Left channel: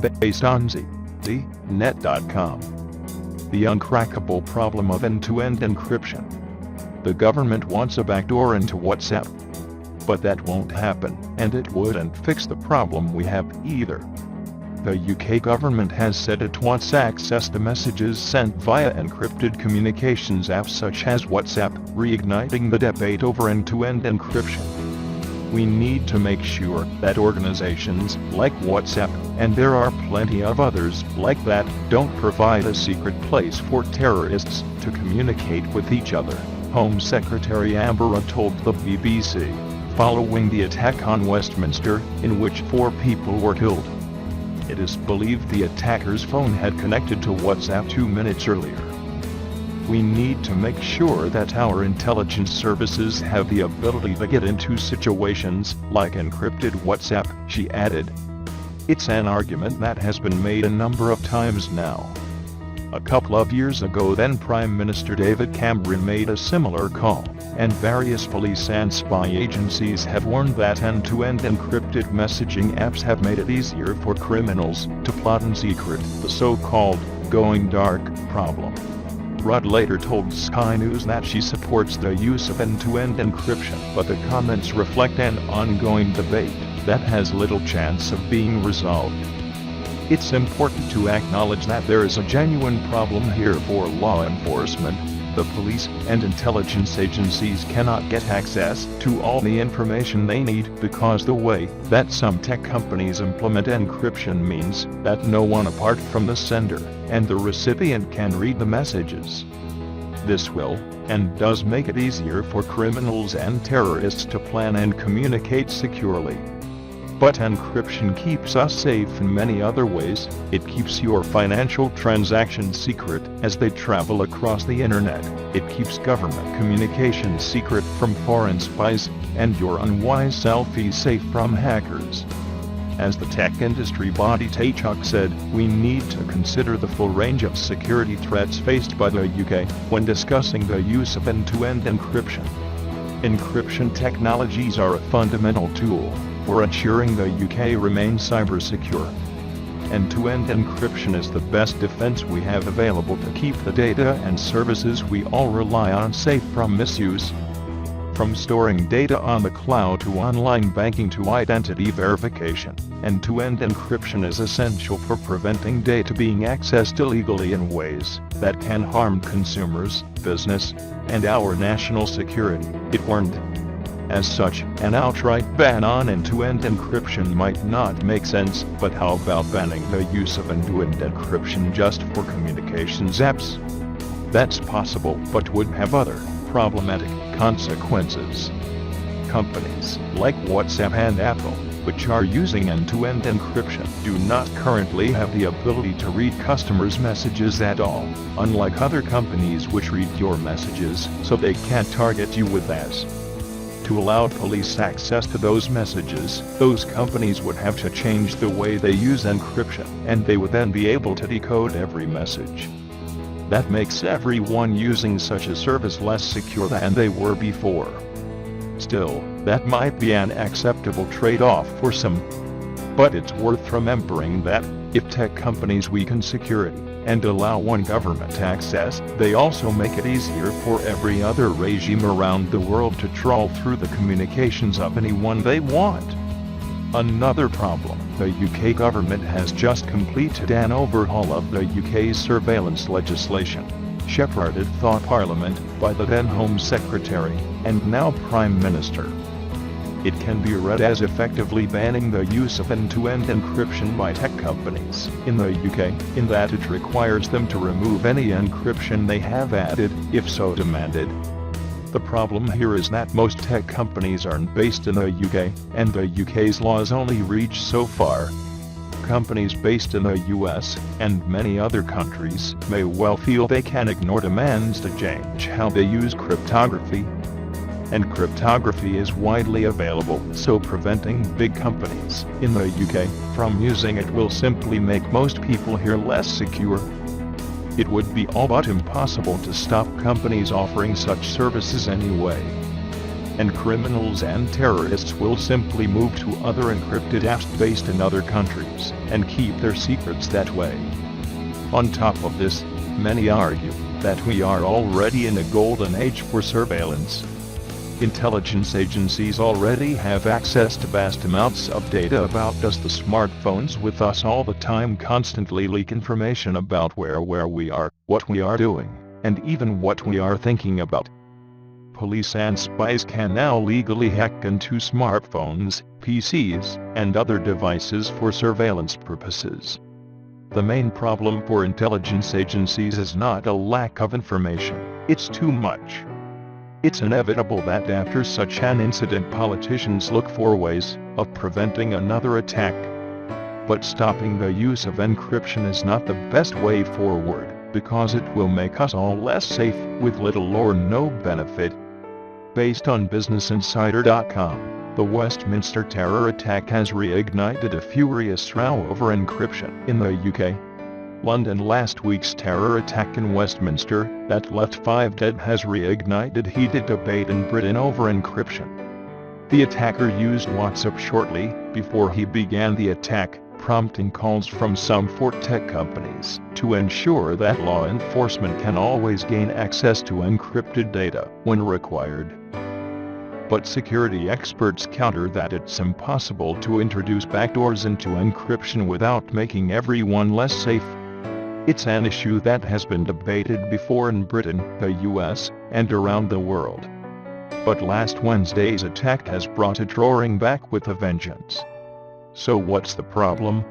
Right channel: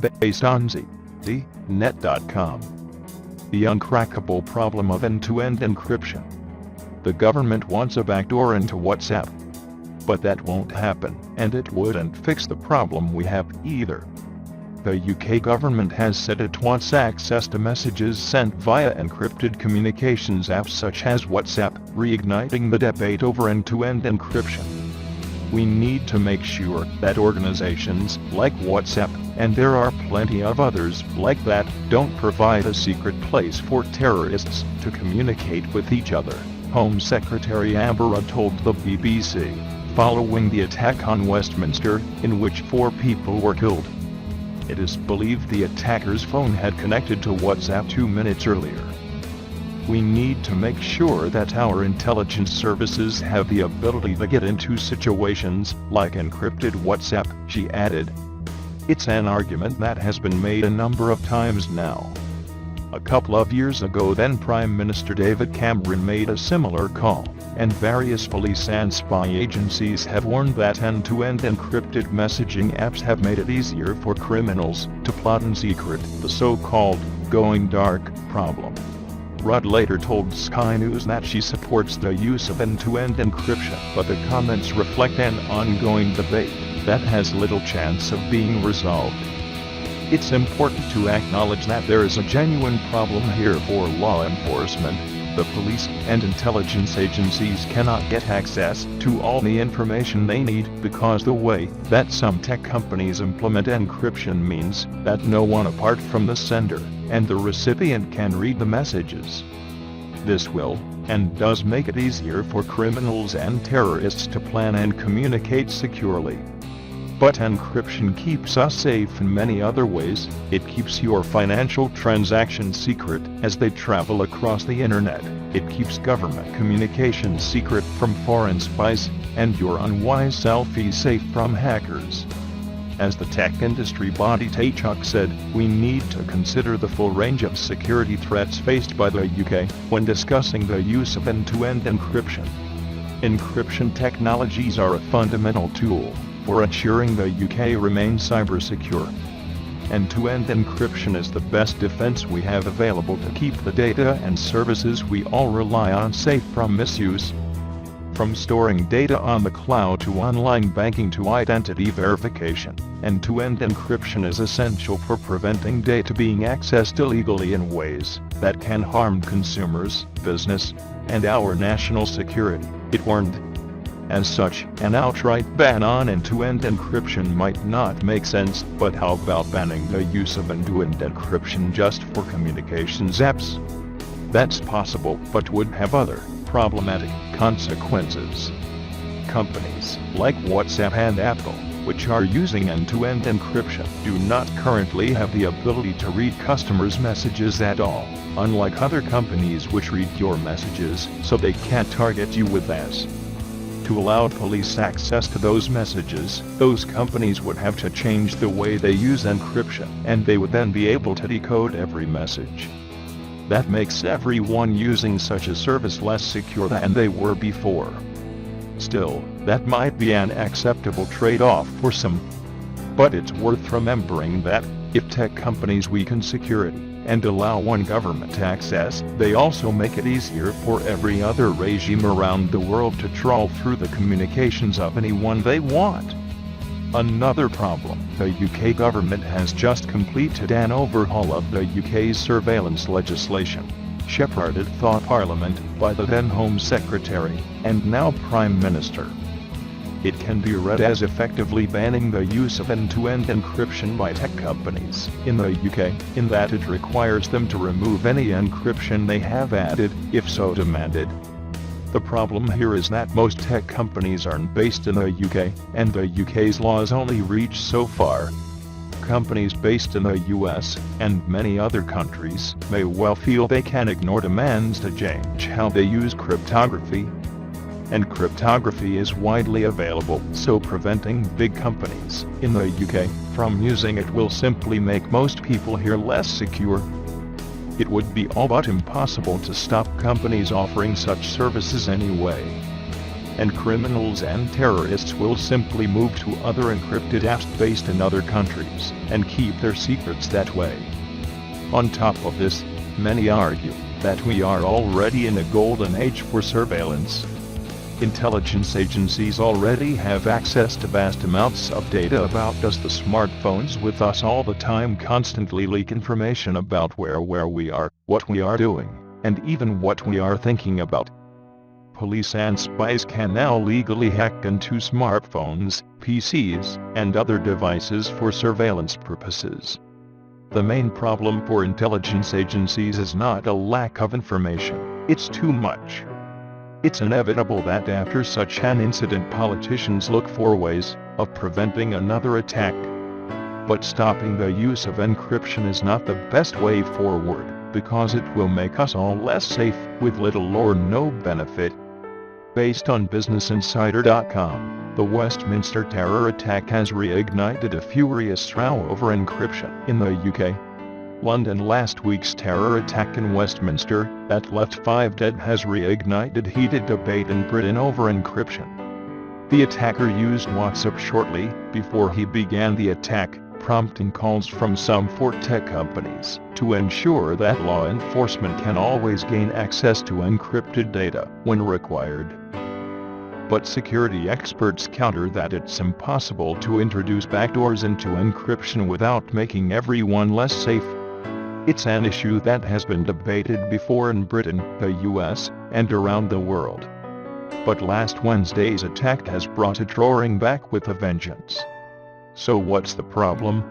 based on ZNet.com. The uncrackable problem of end-to-end encryption. The government wants a backdoor into WhatsApp. But that won't happen, and it wouldn't fix the problem we have either. The UK government has said it wants access to messages sent via encrypted communications apps such as WhatsApp, reigniting the debate over end-to-end encryption. We need to make sure that organizations like WhatsApp, and there are plenty of others like that, don't provide a secret place for terrorists to communicate with each other, Home Secretary Amber Rudd told the BBC, following the attack on Westminster, in which 4 people were killed. It is believed the attacker's phone had connected to WhatsApp 2 minutes earlier. We need to make sure that our intelligence services have the ability to get into situations like encrypted WhatsApp, she added. It's an argument that has been made a number of times now. A couple of years ago, then Prime Minister David Cameron made a similar call, and various police and spy agencies have warned that end-to-end encrypted messaging apps have made it easier for criminals to plot in secret, the so-called going dark problem. Rudd later told Sky News that she supports the use of end-to-end encryption, but the comments reflect an ongoing debate that has little chance of being resolved. It's important to acknowledge that there is a genuine problem here for law enforcement. The police and intelligence agencies cannot get access to all the information they need because the way that some tech companies implement encryption means that no one apart from the sender and the recipient can read the messages. This will, and does, make it easier for criminals and terrorists to plan and communicate securely. But encryption keeps us safe in many other ways. It keeps your financial transactions secret as they travel across the internet. It keeps government communications secret from foreign spies, and your unwise selfies safe from hackers. As the tech industry body TAICHUK said, we need to consider the full range of security threats faced by the UK when discussing the use of end-to-end encryption. Encryption technologies are a fundamental tool for ensuring the UK remains cyber-secure. End-to-end encryption is the best defense we have available to keep the data and services we all rely on safe from misuse. From storing data on the cloud to online banking to identity verification, end-to-end encryption is essential for preventing data being accessed illegally in ways that can harm consumers, business, and our national security, it warned. As such, an outright ban on end-to-end encryption might not make sense, but how about banning the use of end-to-end encryption just for communications apps? That's possible, but would have other problematic consequences. Companies like WhatsApp and Apple, which are using end-to-end encryption, do not currently have the ability to read customers' messages at all, unlike other companies which read your messages, so they can't target you with ads. To allow police access to those messages, those companies would have to change the way they use encryption, and they would then be able to decode every message. That makes everyone using such a service less secure than they were before. Still, that might be an acceptable trade-off for some. But it's worth remembering that, if tech companies weaken security and allow one government access, they also make it easier for every other regime around the world to trawl through the communications of anyone they want. Another problem, the UK government has just completed an overhaul of the UK's surveillance legislation, shepherded through Parliament by the then Home Secretary, and now Prime Minister. It can be read as effectively banning the use of end-to-end encryption by tech companies in the UK, in that it requires them to remove any encryption they have added, if so demanded. The problem here is that most tech companies aren't based in the UK, and the UK's laws only reach so far. Companies based in the US, and many other countries, may well feel they can ignore demands to change how they use cryptography. And cryptography is widely available, so preventing big companies in the UK from using it will simply make most people here less secure. It would be all but impossible to stop companies offering such services anyway. and criminals and terrorists will simply move to other encrypted apps based in other countries and keep their secrets that way. On top of this, many argue that we are already in a golden age for surveillance. Intelligence agencies already have access to vast amounts of data about us. The smartphones with us all the time constantly leak information about where we are, what we are doing, and even what we are thinking about. Police and spies can now legally hack into smartphones, PCs, and other devices for surveillance purposes. The main problem for intelligence agencies is not a lack of information, it's too much. It's inevitable that after such an incident politicians look for ways of preventing another attack. But stopping the use of encryption is not the best way forward, because it will make us all less safe, with little or no benefit. Based on BusinessInsider.com, the Westminster terror attack has reignited a furious row over encryption in the UK. London. Last week's terror attack in Westminster, that left 5 dead, has reignited heated debate in Britain over encryption. The attacker used WhatsApp shortly before he began the attack, prompting calls from some 4 tech companies to ensure that law enforcement can always gain access to encrypted data when required. But security experts counter that it's impossible to introduce backdoors into encryption without making everyone less safe. It's an issue that has been debated before in Britain, the US, and around the world. But last Wednesday's attack has brought it roaring back with a vengeance. So what's the problem?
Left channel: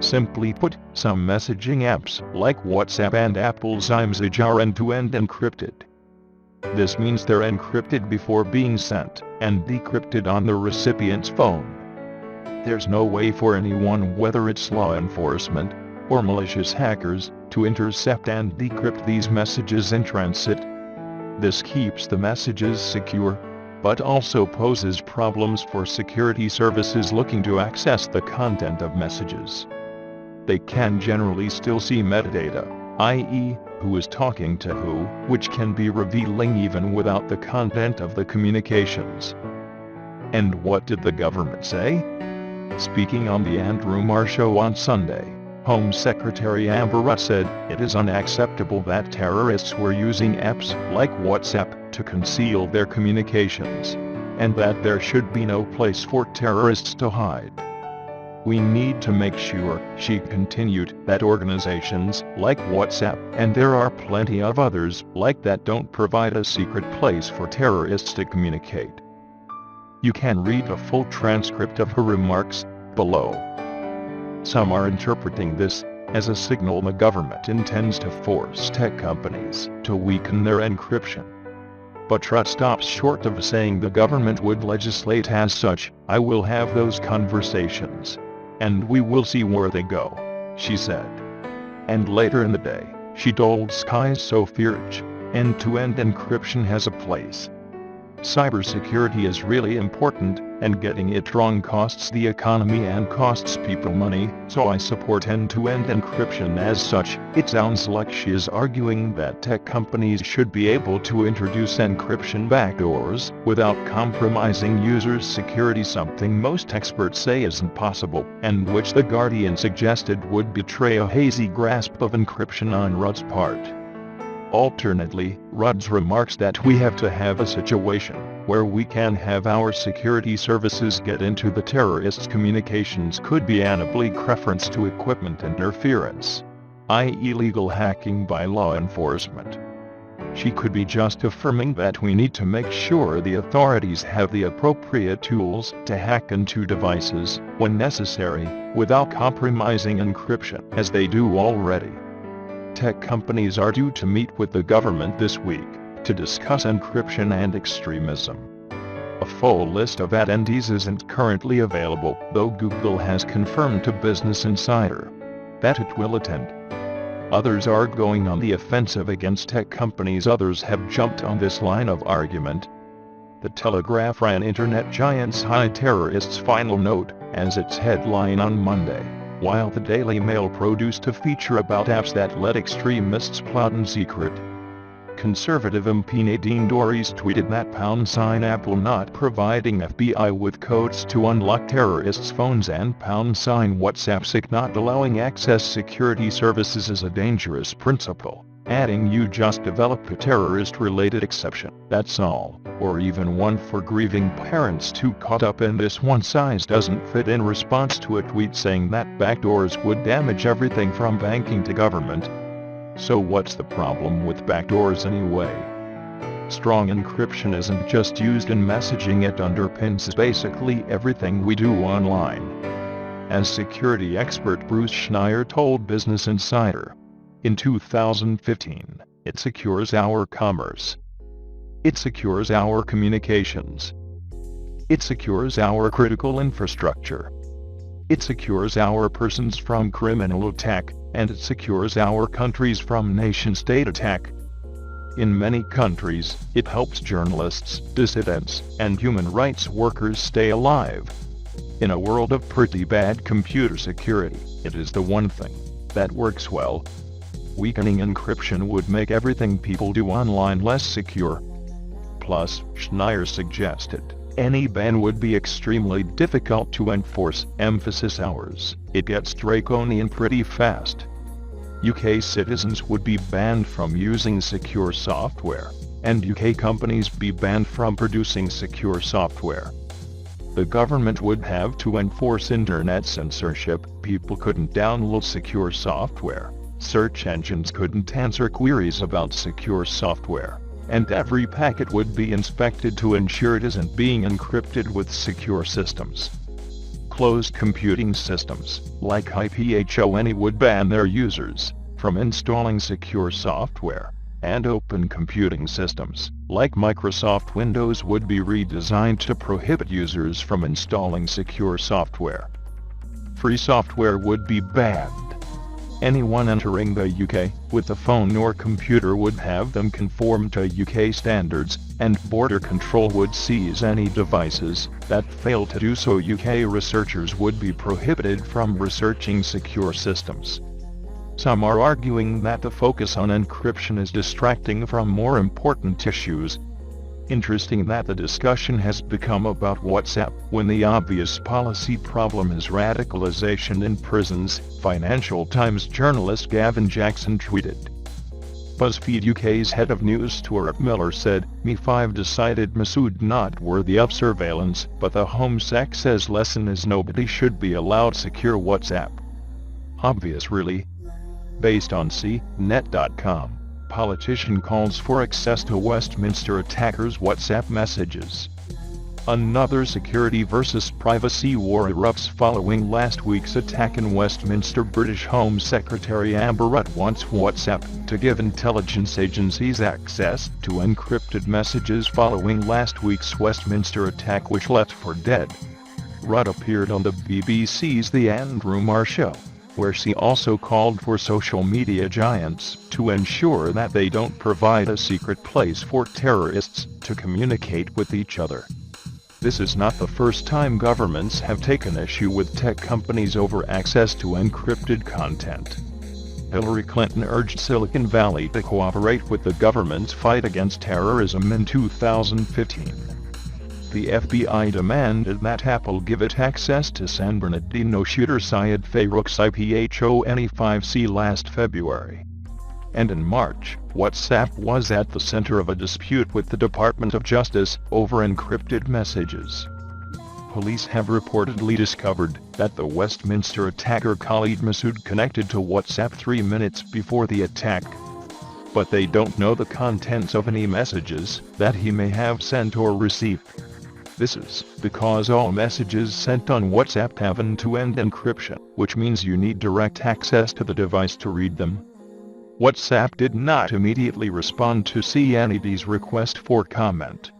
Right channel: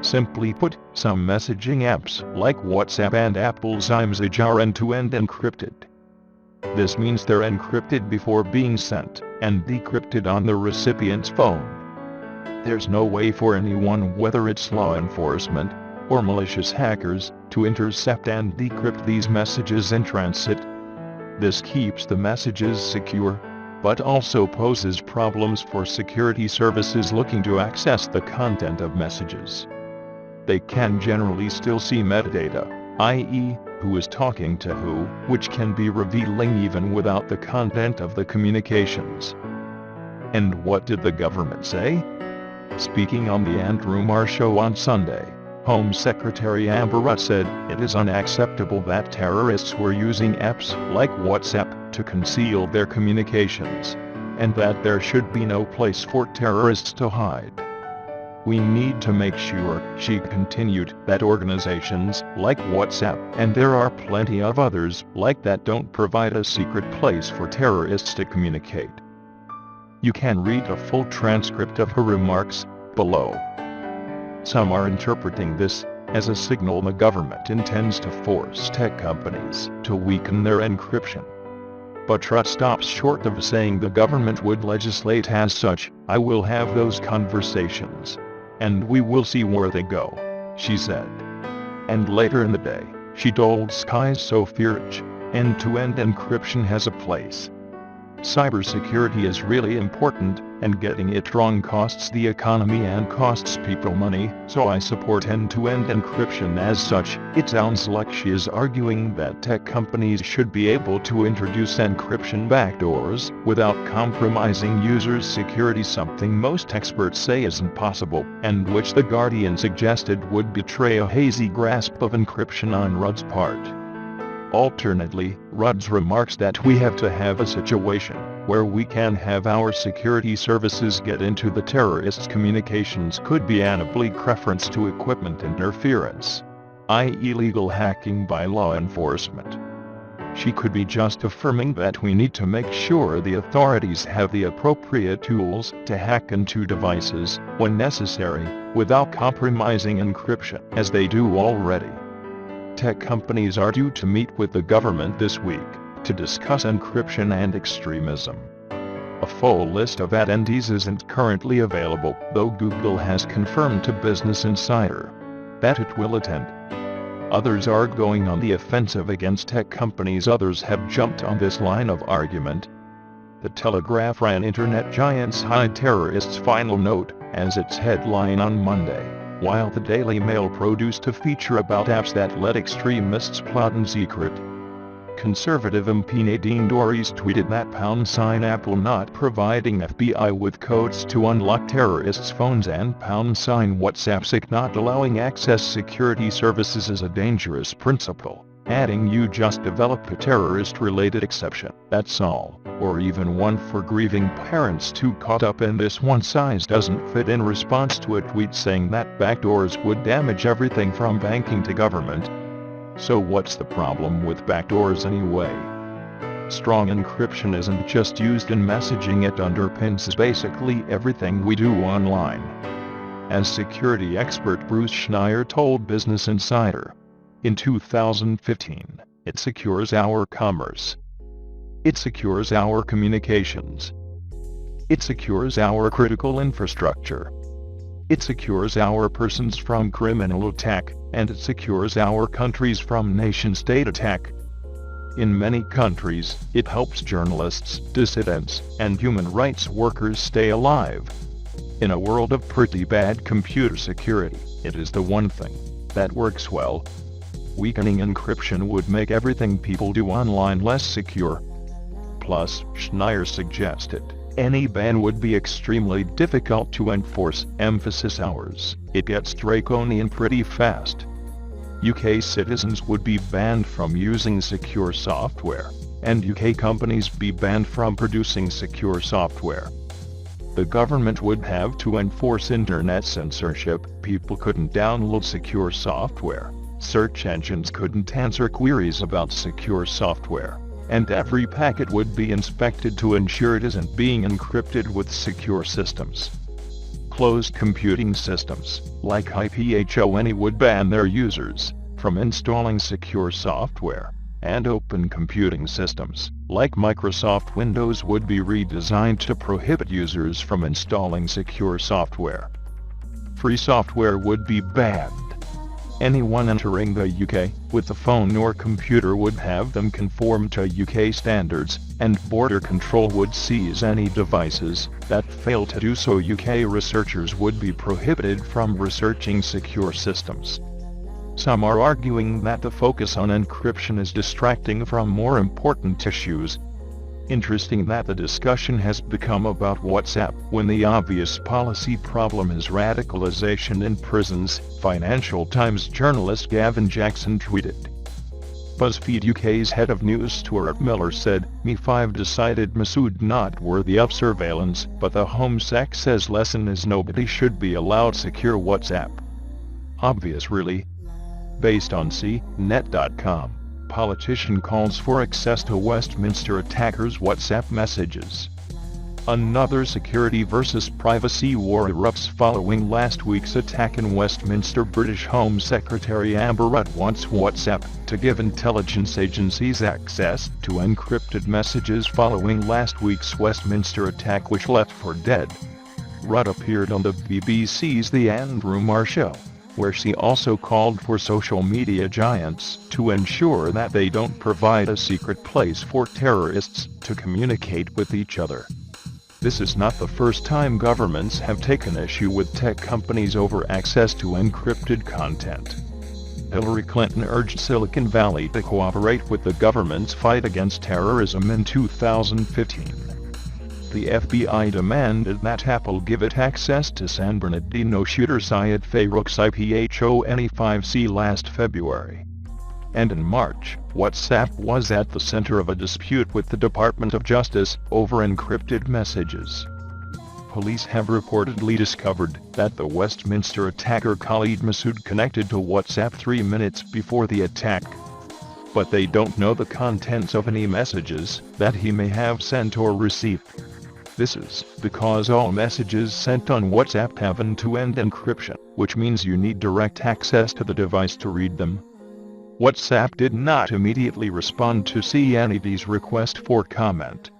Simply put, some messaging apps like WhatsApp and Apple's iMessage are end-to-end encrypted. This means they're encrypted before being sent, and decrypted on the recipient's phone. There's no way for anyone, whether it's law enforcement or malicious hackers, to intercept and decrypt these messages in transit. This keeps the messages secure, but also poses problems for security services looking to access the content of messages. They can generally still see metadata, i.e., who is talking to who, which can be revealing even without the content of the communications. And what did the government say? Speaking on the Andrew Marr Show on Sunday, Home Secretary Amber Rudd said it is unacceptable that terrorists were using apps like WhatsApp to conceal their communications, and that there should be no place for terrorists to hide. We need to make sure, she continued, that organizations like WhatsApp, and there are plenty of others like that, don't provide a secret place for terrorists to communicate. You can read a full transcript of her remarks below. Some are interpreting this as a signal the government intends to force tech companies to weaken their encryption. But Rudd stops short of saying the government would legislate as such. I will have those conversations, and we will see where they go, she said. And later in the day, she told Sky's Sophie Rich, end-to-end encryption has a place. Cybersecurity is really important, and getting it wrong costs the economy and costs people money, so I support end-to-end encryption as such. It sounds like she is arguing that tech companies should be able to introduce encryption backdoors without compromising users' security, something most experts say isn't possible, and which The Guardian suggested would betray a hazy grasp of encryption on Rudd's part. Alternately, Rudd's remarks that we have to have a situation where we can have our security services get into the terrorists' communications could be an oblique reference to equipment interference, i.e. illegal hacking by law enforcement. She could be just affirming that we need to make sure the authorities have the appropriate tools to hack into devices when necessary, without compromising encryption, as they do already. Tech companies are due to meet with the government this week to discuss encryption and extremism. A full list of attendees isn't currently available, though Google has confirmed to Business Insider that it will attend. Others are going on the offensive against tech companies. Others have jumped on this line of argument. The Telegraph ran internet giants hide terrorists' final note as its headline on Monday, while the Daily Mail produced a feature about apps that let extremists plot in secret. conservative MP Nadine Dorries tweeted that #Apple not providing FBI with codes to unlock terrorists' phones and #WhatsApp not allowing access security services is a dangerous principle, adding you just developed a terrorist-related exception, that's all, or even one for grieving parents too caught up in this one-size-doesn't-fit in response to a tweet saying that backdoors would damage everything from banking to government. So what's the problem with backdoors anyway? Strong encryption isn't just used in messaging, it underpins basically everything we do online. As security expert Bruce Schneier told Business Insider, in 2015, it secures our commerce. It secures our communications. It secures our critical infrastructure. It secures our persons from criminal attack, and it secures our countries from nation-state attack. In many countries, it helps journalists, dissidents, and human rights workers stay alive. In a world of pretty bad computer security, it is the one thing that works well. Weakening encryption would make everything people do online less secure. Plus, Schneier suggested, any ban would be extremely difficult to enforce, emphasis ours. It gets draconian pretty fast. UK citizens would be banned from using secure software, and UK companies be banned from producing secure software. The government would have to enforce internet censorship, people couldn't download secure software, search engines couldn't answer queries about secure software, and every packet would be inspected to ensure it isn't being encrypted with secure systems. Closed computing systems, like IPHONE, would ban their users from installing secure software, and open computing systems, like Microsoft Windows, would be redesigned to prohibit users from installing secure software. Free software would be banned. Anyone entering the UK with a phone or computer would have them conform to UK standards, and border control would seize any devices that fail to do so. UK researchers would be prohibited from researching secure systems. Some are arguing that the focus on encryption is distracting from more important issues. Interesting that the discussion has become about WhatsApp, when the obvious policy problem is radicalization in prisons, Financial Times journalist Gavin Jackson tweeted. BuzzFeed UK's head of news Stuart Miller said, Me5 decided Masood not worthy of surveillance, but the Home Sec says lesson is nobody should be allowed secure WhatsApp. Obvious really. Based on CNET.com. Politician calls for access to Westminster attackers' WhatsApp messages. Another security versus privacy war erupts following last week's attack in Westminster. British Home Secretary Amber Rudd wants WhatsApp to give intelligence agencies access to encrypted messages following last week's Westminster attack, which left for dead. Rudd appeared on the BBC's The Andrew Marr Show, where she also called for social media giants to ensure that they don't provide a secret place for terrorists to communicate with each other. This is not the first time governments have taken issue with tech companies over access to encrypted content. Hillary Clinton urged Silicon Valley to cooperate with the government's fight against terrorism in 2015. The FBI demanded that Apple give it access to San Bernardino shooter Syed Farook's iPhone-5C last February. And in March, WhatsApp was at the center of a dispute with the Department of Justice over encrypted messages. Police have reportedly discovered that the Westminster attacker Khalid Masood connected to WhatsApp 3 minutes before the attack. But they don't know the contents of any messages that he may have sent or received. This is because all messages sent on WhatsApp have end-to-end encryption, which means you need direct access to the device to read them. WhatsApp did not immediately respond to CNED's request for comment.